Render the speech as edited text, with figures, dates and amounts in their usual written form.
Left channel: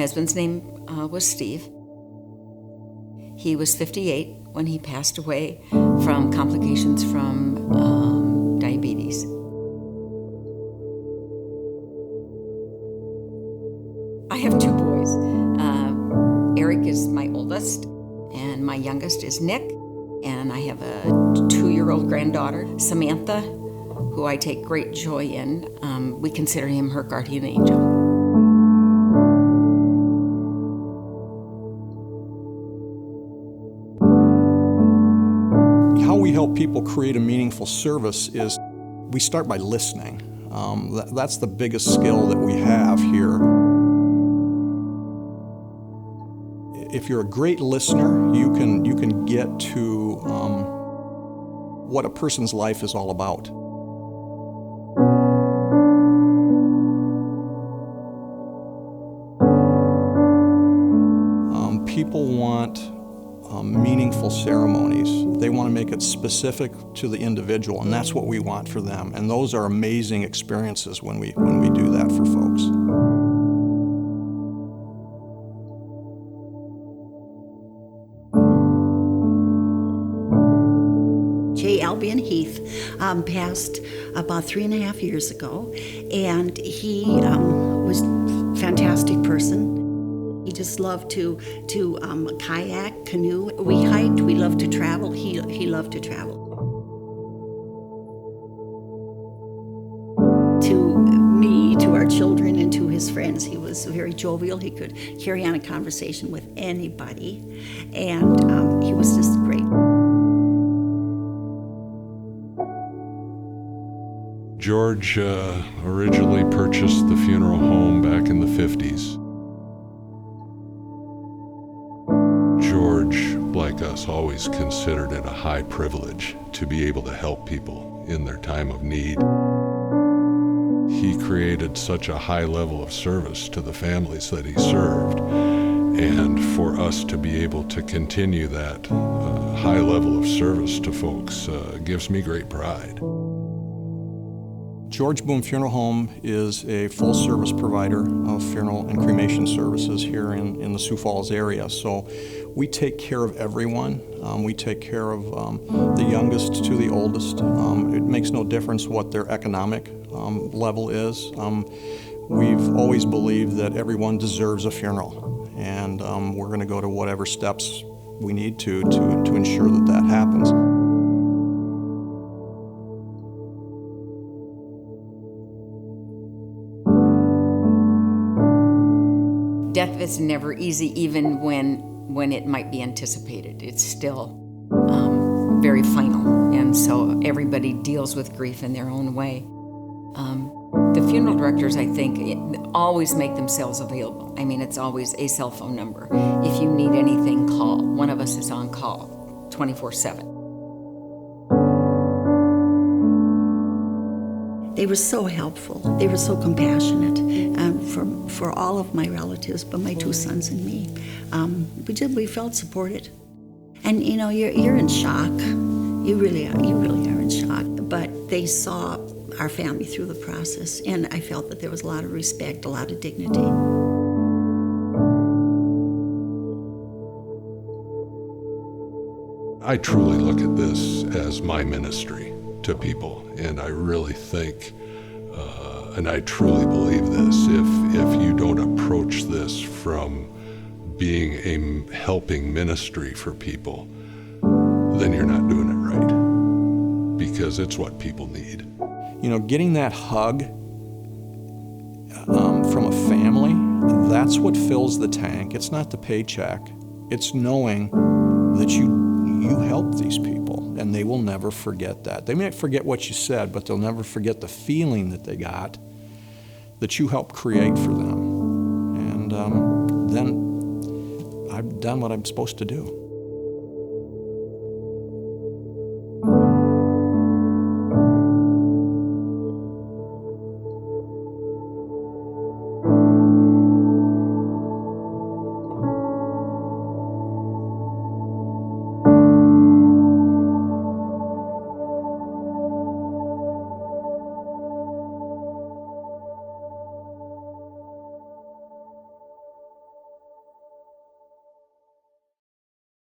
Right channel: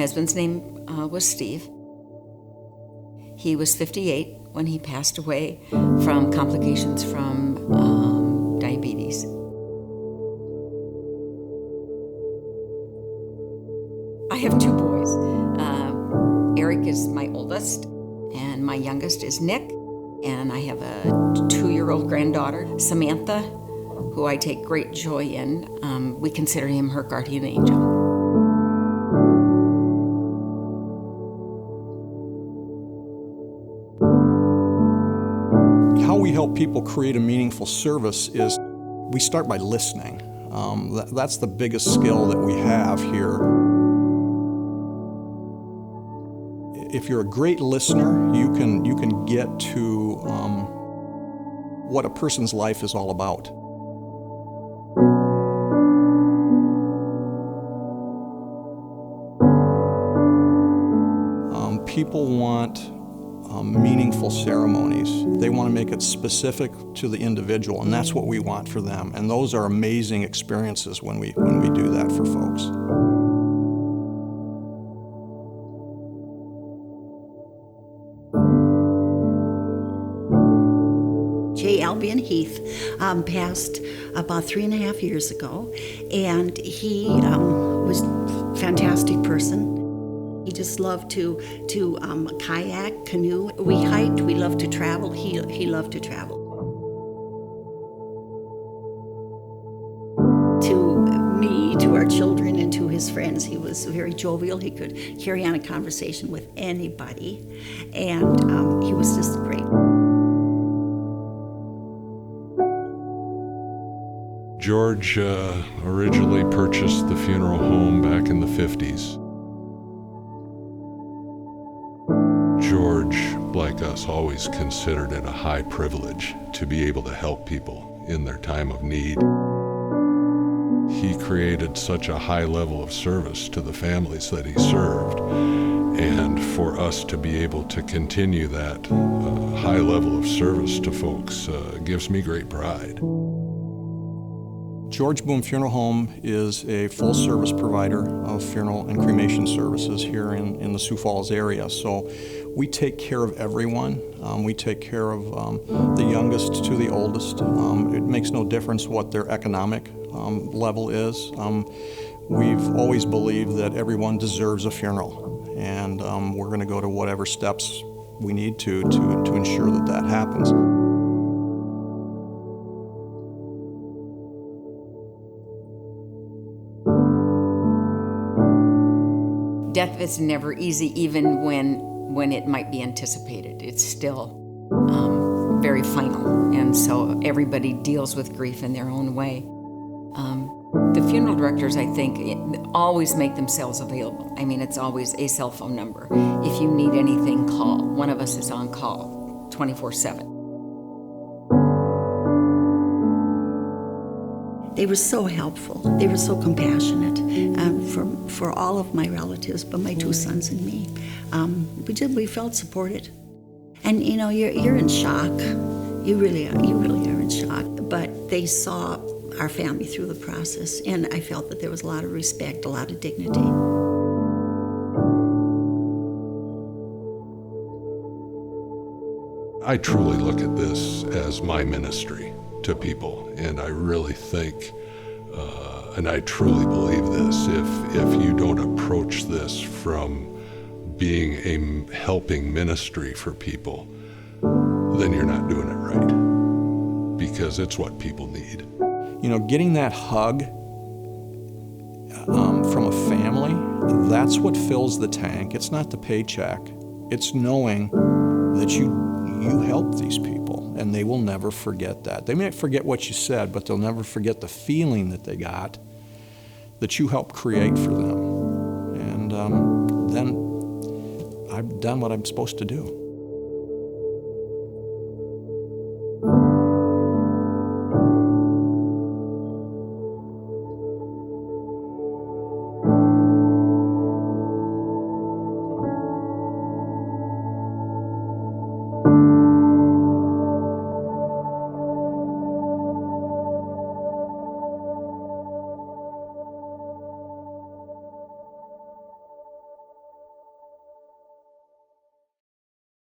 My husband's name was Steve. He was 58 when he passed away from complications from diabetes. I have two boys. Eric is my oldest, and my youngest is Nick. And I have a 2-year-old granddaughter, Samantha, who I take great joy in. We consider him her guardian angel. How we help people create a meaningful service is we start by listening. That's the biggest skill that we have here. If you're a great listener, you can get to what a person's life is all about. People want meaningful ceremonies. They want to make it specific to the individual, and that's what we want for them. And those are amazing experiences when we do that for folks. J. Albion Heath passed about 3.5 years ago, and he was a fantastic person. He just loved to kayak, canoe. We hiked, we loved to travel. He loved to travel. To me, to our children, and to his friends, he was very jovial. He could carry on a conversation with anybody, and he was just great. George originally purchased the funeral home back in the 50s. George, like us, always considered it a high privilege to be able to help people in their time of need. He created such a high level of service to the families that he served, and for us to be able to continue that high level of service to folks gives me great pride. George Boom Funeral Home is a full-service provider of funeral and cremation services here in the Sioux Falls area. So we take care of everyone. We take care of the youngest to the oldest. It makes no difference what their economic level is. We've always believed that everyone deserves a funeral, and we're going to go to whatever steps we need to ensure that that happens. Death is never easy, even when it might be anticipated. It's still very final, and so everybody deals with grief in their own way. The funeral directors, I think, always make themselves available. I mean, it's always a cell phone number. If you need anything, call. One of us is on call 24/7. They were so helpful. They were so compassionate for all of my relatives, but my 2 sons and me. We felt supported. And you know, you're in shock. You really are in shock. But they saw our family through the process, and I felt that there was a lot of respect, a lot of dignity. I truly look at this as my ministry to people, and I really think, and I truly believe this, if you don't approach this from being a helping ministry for people, then you're not doing it right, because it's what people need. You know, getting that hug from a family, that's what fills the tank. It's not the paycheck. It's knowing that you helped these people, and they will never forget that. They may forget what you said, but they'll never forget the feeling that they got, that you helped create for them. And then I've done what I'm supposed to do.